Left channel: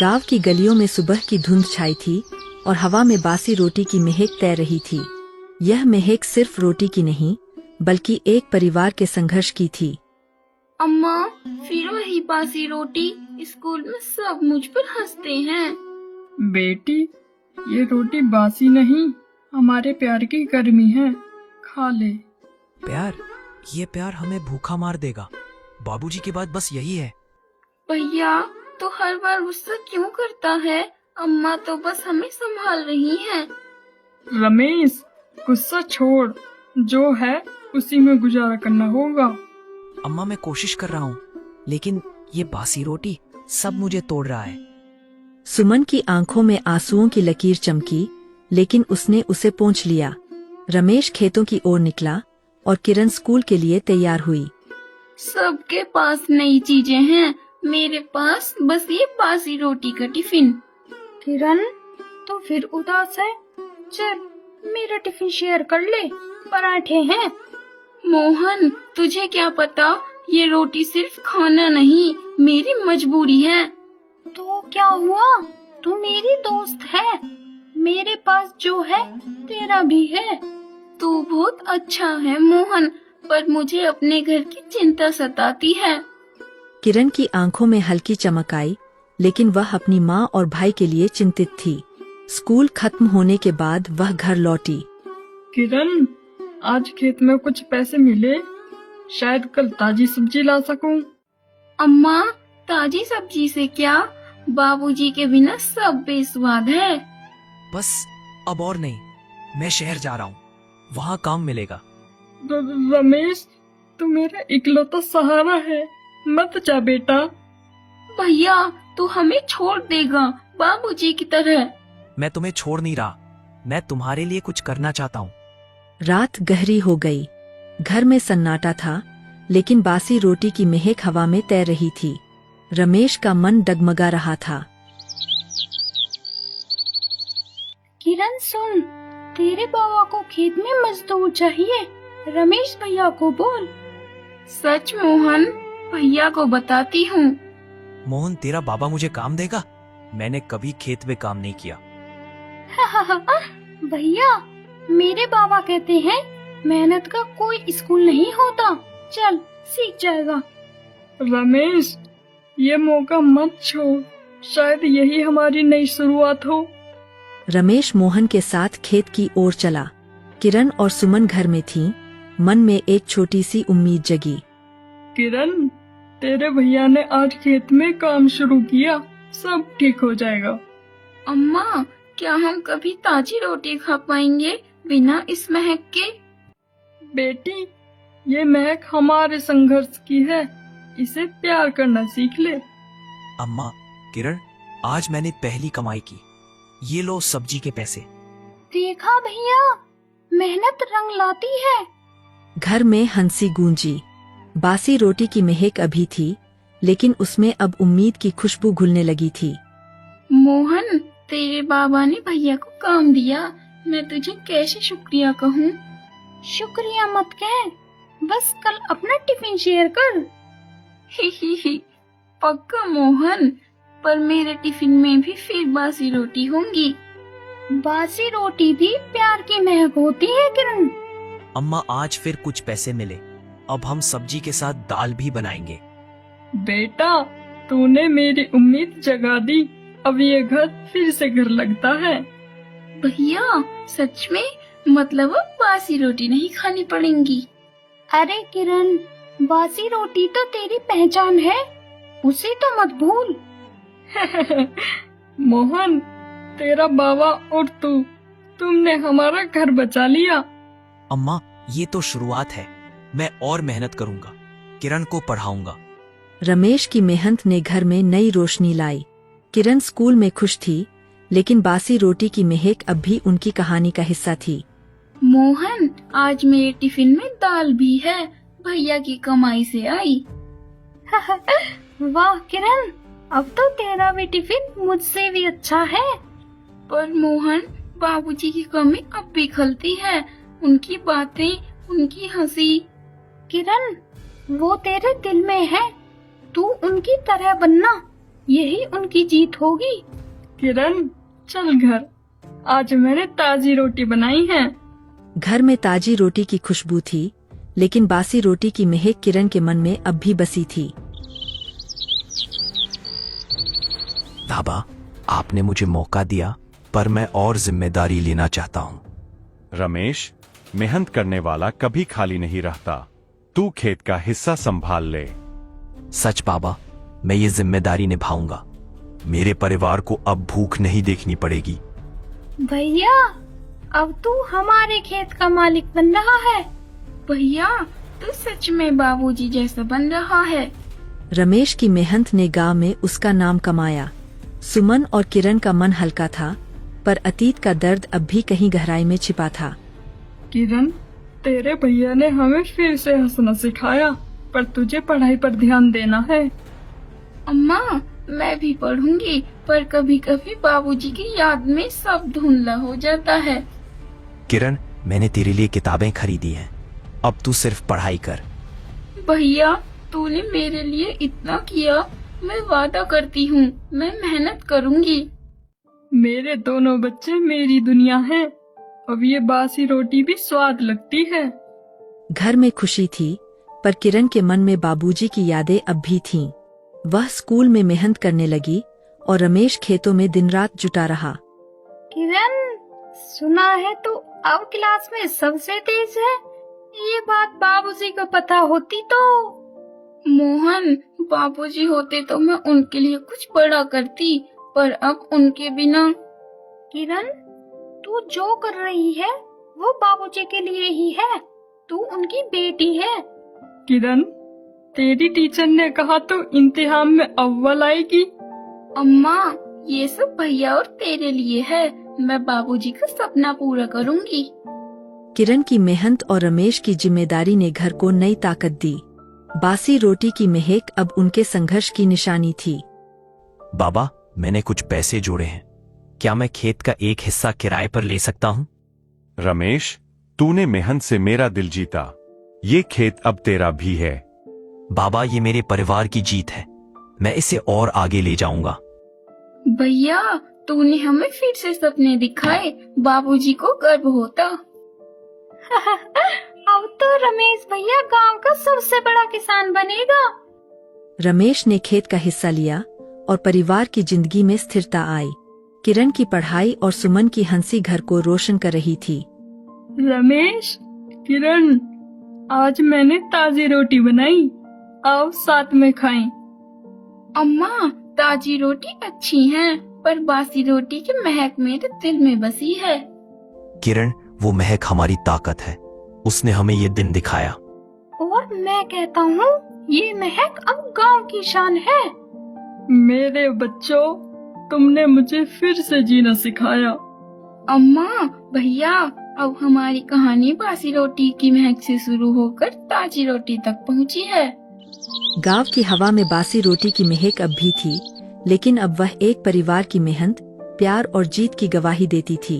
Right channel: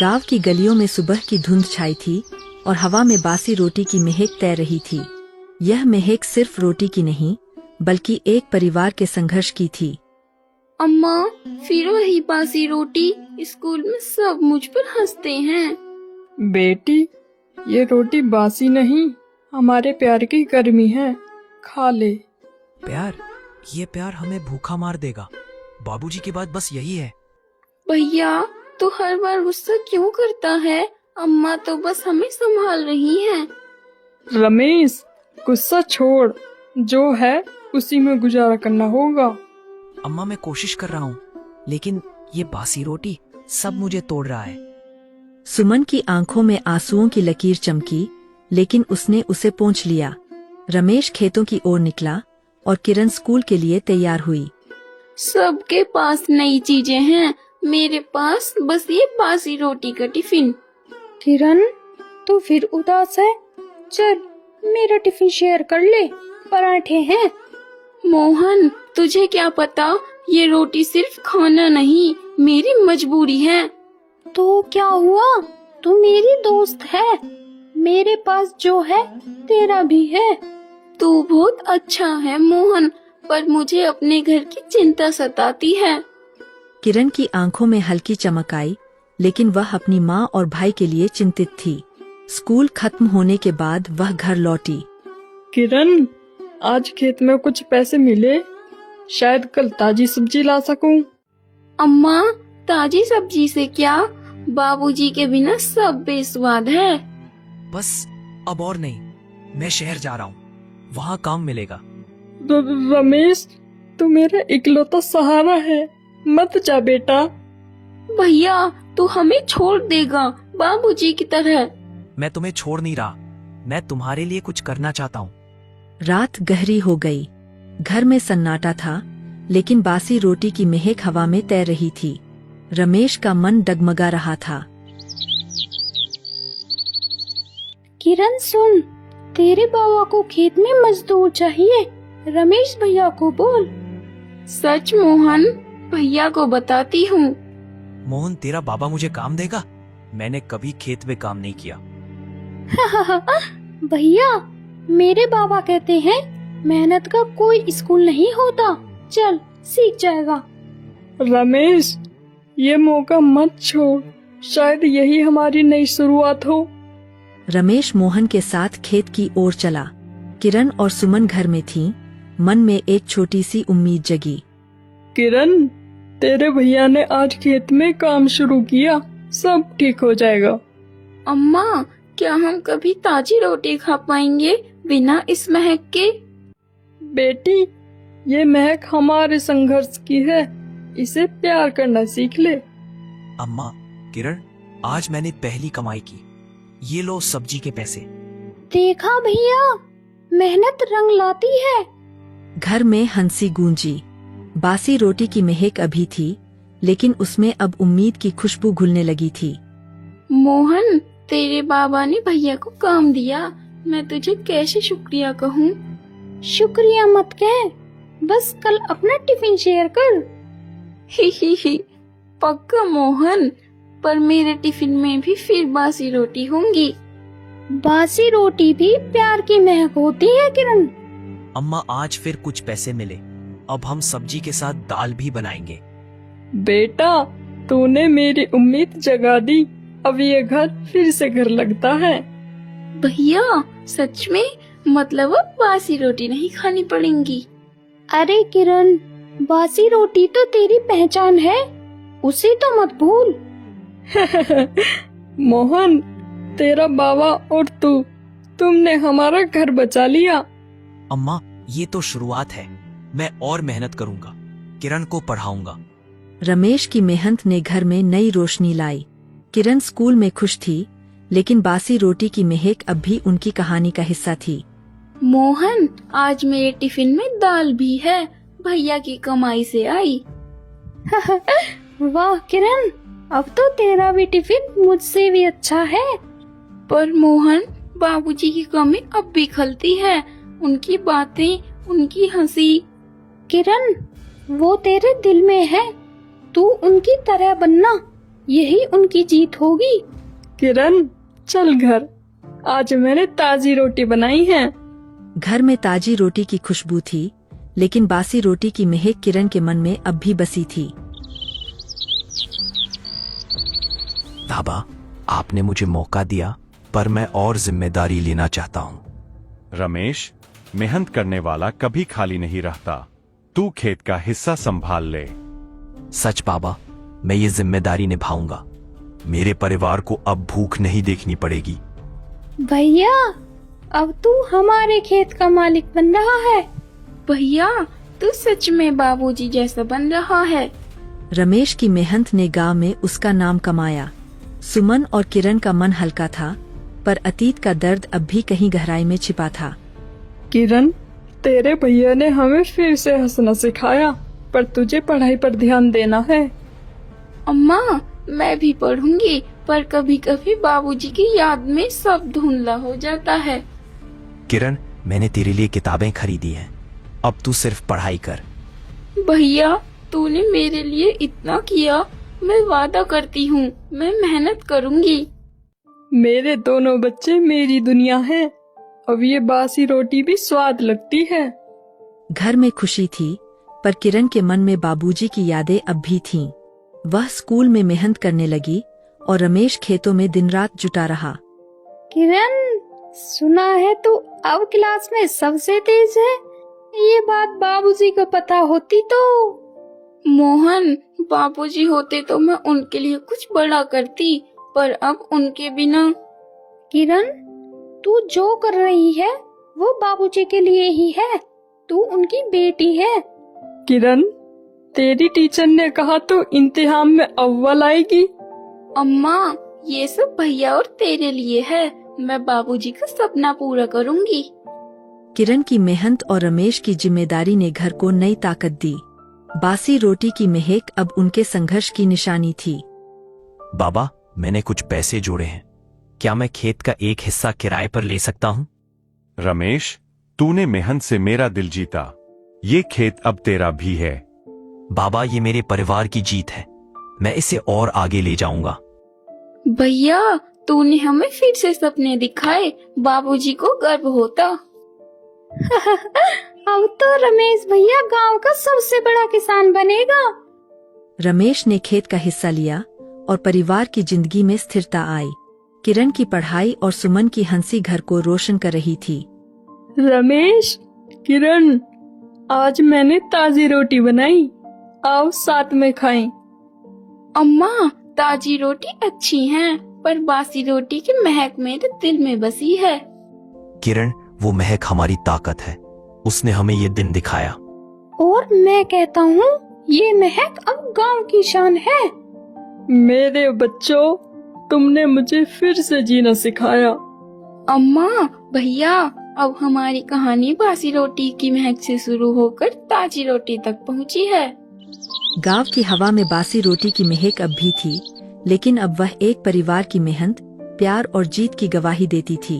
गांव की गलियों में सुबह की धुंध छाई थी और हवा में बासी रोटी की महक तैर रही थी। यह महक सिर्फ रोटी की नहीं, बल्कि एक परिवार के संघर्ष की थी। अम्मा, फिर वही बासी रोटी। स्कूल में सब मुझ पर हंसते हैं। बेटी, ये रोटी बासी नहीं, हमारे प्यार की गर्मी है, खा ले। प्यार? ये प्यार हमें भूखा मार देगा। बाबूजी की बात बस यही है। भैया तो हर बार गुस्सा क्यों करता है? अम्मा तो बस हमें संभाल रही हैं। रमेश, गुस्सा छोड़, जो है उसी में गुजारा करना होगा। अम्मा, मैं कोशिश कर रहा हूँ, लेकिन ये बासी रोटी सब मुझे तोड़ रहा है। सुमन की आंखों में आंसुओं की लकीर चमकी, लेकिन उसने उसे पोंछ लिया। रमेश खेतों की ओर निकला और किरण स्कूल के लिए तैयार हुई। सबके पास नई चीजें हैं, मेरे पास बस ये बासी रोटी का टिफिन। किरण, तू फिर उदास है? चल मेरा टिफिन शेयर कर ले, पराठे हैं। मोहन, तुझे क्या पता, ये रोटी सिर्फ खाना नहीं, मेरी मजबूरी है। तो क्या हुआ, तू मेरी दोस्त है। मेरे पास जो है तेरा भी है। तू बहुत अच्छा है मोहन, पर मुझे अपने घर की चिंता सताती है। किरण की आंखों में हल्की चमक आई, लेकिन वह अपनी माँ और भाई के लिए चिंतित थी। स्कूल खत्म होने के बाद वह घर लौटी। किरण, आज खेत में कुछ पैसे मिले, शायद कल ताजी सब्जी ला सकूं। अम्मा, ताजी सब्जी से क्या? बाबूजी के बिना सब बेस्वाद है। बस अब और नहीं, मैं शहर जा रहा हूँ, वहाँ काम मिलेगा। रमेश, तू मेरा इकलौता सहारा है, मत जा बेटा। भैया, तू हमें छोड़ देगा बाबूजी की तरह? मैं तुम्हें छोड़ नहीं रहा, मैं तुम्हारे लिए कुछ करना चाहता हूँ। रात गहरी हो गई। घर में सन्नाटा था, लेकिन बासी रोटी की महक हवा में तैर रही थी। रमेश का मन डगमगा रहा था। किरण सुन, तेरे बाबा को खेत में मजदूर चाहिए, रमेश भैया को बोल। सच मोहन, भैया को बताती हूँ। मोहन, तेरा बाबा मुझे काम देगा? मैंने कभी खेत में काम नहीं किया। भैया, मेरे बाबा कहते हैं मेहनत का कोई स्कूल नहीं होता, चल सीख जाएगा। रमेश, ये मौका मत छोड़, शायद यही हमारी नई शुरुआत हो। रमेश मोहन के साथ खेत की ओर चला। किरण और सुमन घर में थीं। मन में एक छोटी सी उम्मीद जगी। किरण, तेरे भैया ने आज खेत में काम शुरू किया, सब ठीक हो जाएगा। अम्मा, क्या हम कभी ताजी रोटी खा पाएंगे बिना इस महक के? बेटी, ये महक हमारे संघर्ष की है, इसे प्यार करना सीख ले। अम्मा, किरण, आज मैंने पहली कमाई की, ये लो सब्जी के पैसे। देखा भैया, मेहनत रंग लाती है। घर में हंसी गूंजी। बासी रोटी की महक अभी थी, लेकिन उसमें अब उम्मीद की खुशबू घुलने लगी थी। मोहन, तेरे बाबा ने भैया को काम दिया, मैं तुझे कैसे शुक्रिया कहूँ? शुक्रिया मत कह, बस कल अपना टिफिन शेयर कर। ही पक्का मोहन, पर मेरे टिफिन में भी फिर बासी रोटी होंगी। बासी रोटी भी प्यार की महक होती है किरण। अम्मा, आज फिर कुछ पैसे मिले, अब हम सब्जी के साथ दाल भी बनाएंगे। बेटा, तूने मेरी उम्मीद जगा दी, अब ये घर फिर से घर लगता है। भैया, सच में? मतलब अब बासी रोटी नहीं खानी पड़ेंगी? अरे किरण, बासी रोटी तो तेरी पहचान है, उसे तो मत भूल। मोहन, तेरा बाबा और तुमने हमारा घर बचा लिया। अम्मा, ये तो शुरुआत है, मैं और मेहनत करूंगा, किरण को पढ़ाऊंगा। रमेश की मेहनत ने घर में नई रोशनी लाई। किरण स्कूल में खुश थी, लेकिन बासी रोटी की महक अब भी उनकी कहानी का हिस्सा थी। मोहन, आज मेरे टिफिन में दाल भी है, भैया की कमाई से आई। वाह किरण, अब तो तेरा भी टिफिन मुझसे भी अच्छा है। पर मोहन, बाबूजी की कमी अब भी खलती है, उनकी बातें, उनकी हंसी। किरण, वो तेरे दिल में है, तू उनकी तरह बनना, यही उनकी जीत होगी। किरण चल घर, आज मैंने ताजी रोटी बनाई है। घर में ताजी रोटी की खुशबू थी, लेकिन बासी रोटी की महक किरण के मन में अब भी बसी थी। बाबा, आपने मुझे मौका दिया, पर मैं और जिम्मेदारी लेना चाहता हूँ। रमेश, मेहनत करने वाला कभी खाली नहीं रहता। तू खेत का हिस्सा संभाल ले। सच बाबा, मैं ये जिम्मेदारी निभाऊंगा। मेरे परिवार को अब भूख नहीं देखनी पड़ेगी। भैया, अब तू हमारे खेत का मालिक बन रहा है। भैया, तू सच में बाबूजी जैसा बन रहा है। रमेश की मेहनत ने गांव में उसका नाम कमाया। सुमन और किरण का मन हल्का था, पर अतीत का दर्द अब भी कहीं गहराई में छिपा था। किरण, तेरे भैया ने हमें फिर से हंसना सिखाया, पर तुझे पढ़ाई पर ध्यान देना है। अम्मा, मैं भी पढ़ूंगी, पर कभी कभी बाबूजी की याद में सब धुंधला हो जाता है। किरण, मैंने तेरे लिए किताबें खरीदी हैं। अब तू सिर्फ पढ़ाई कर। भैया, तूने मेरे लिए इतना किया, मैं वादा करती हूँ मैं मेहनत करूँगी। मेरे दोनों बच्चे मेरी दुनिया हैं। अब ये बासी रोटी भी स्वाद लगती है। घर में खुशी थी, पर किरण के मन में बाबूजी की यादें अब भी थीं। वह स्कूल में मेहनत करने लगी और रमेश खेतों में दिन रात जुटा रहा। किरण, सुना है तू अब क्लास में सबसे तेज है। ये बात बाबूजी को पता होती तो। मोहन, बाबूजी होते तो मैं उनके लिए कुछ बड़ा करती, पर अब उनके बिना। किरण, तू जो कर रही है वो बाबूजी के लिए ही है। तू उनकी बेटी है। किरण, तेरी टीचर ने कहा तो इम्तिहान में अव्वल आएगी। अम्मा, ये सब भैया और तेरे लिए है। मैं बाबूजी का सपना पूरा करूँगी। किरण की मेहनत और रमेश की जिम्मेदारी ने घर को नई ताकत दी। बासी रोटी की महक अब उनके संघर्ष की निशानी थी। बाबा, मैंने कुछ पैसे जोड़े हैं। क्या मैं खेत का एक हिस्सा किराए पर ले सकता हूँ? रमेश, तूने मेहनत से मेरा दिल जीता। ये खेत अब तेरा भी है। बाबा, ये मेरे परिवार की जीत है। मैं इसे और आगे ले जाऊंगा। भैया, तूने हमें फिर से सपने दिखाए। बाबूजी को गर्व होता। अब तो रमेश भैया गांव का सबसे बड़ा किसान बनेगा। रमेश ने खेत का हिस्सा लिया और परिवार की जिंदगी में स्थिरता आई। किरण की पढ़ाई और सुमन की हंसी घर को रोशन कर रही थी। रमेश, किरण, आज मैंने ताजी रोटी बनाई। आओ साथ में खाएं। अम्मा, ताजी रोटी अच्छी है, पर बासी रोटी की महक मेरे दिल में बसी है। किरण, वो महक हमारी ताकत है। उसने हमें ये दिन दिखाया। और मैं कहता हूँ ये महक अब गांव की शान है। मेरे बच्चों, तुमने मुझे फिर से जीना सिखाया। अम्मा, भैया, अब हमारी कहानी बासी रोटी की महक से शुरू होकर ताजी रोटी तक पहुँची है। गांव की हवा में बासी रोटी की महक अब भी थी, लेकिन अब वह एक परिवार की मेहनत, प्यार और जीत की गवाही देती थी।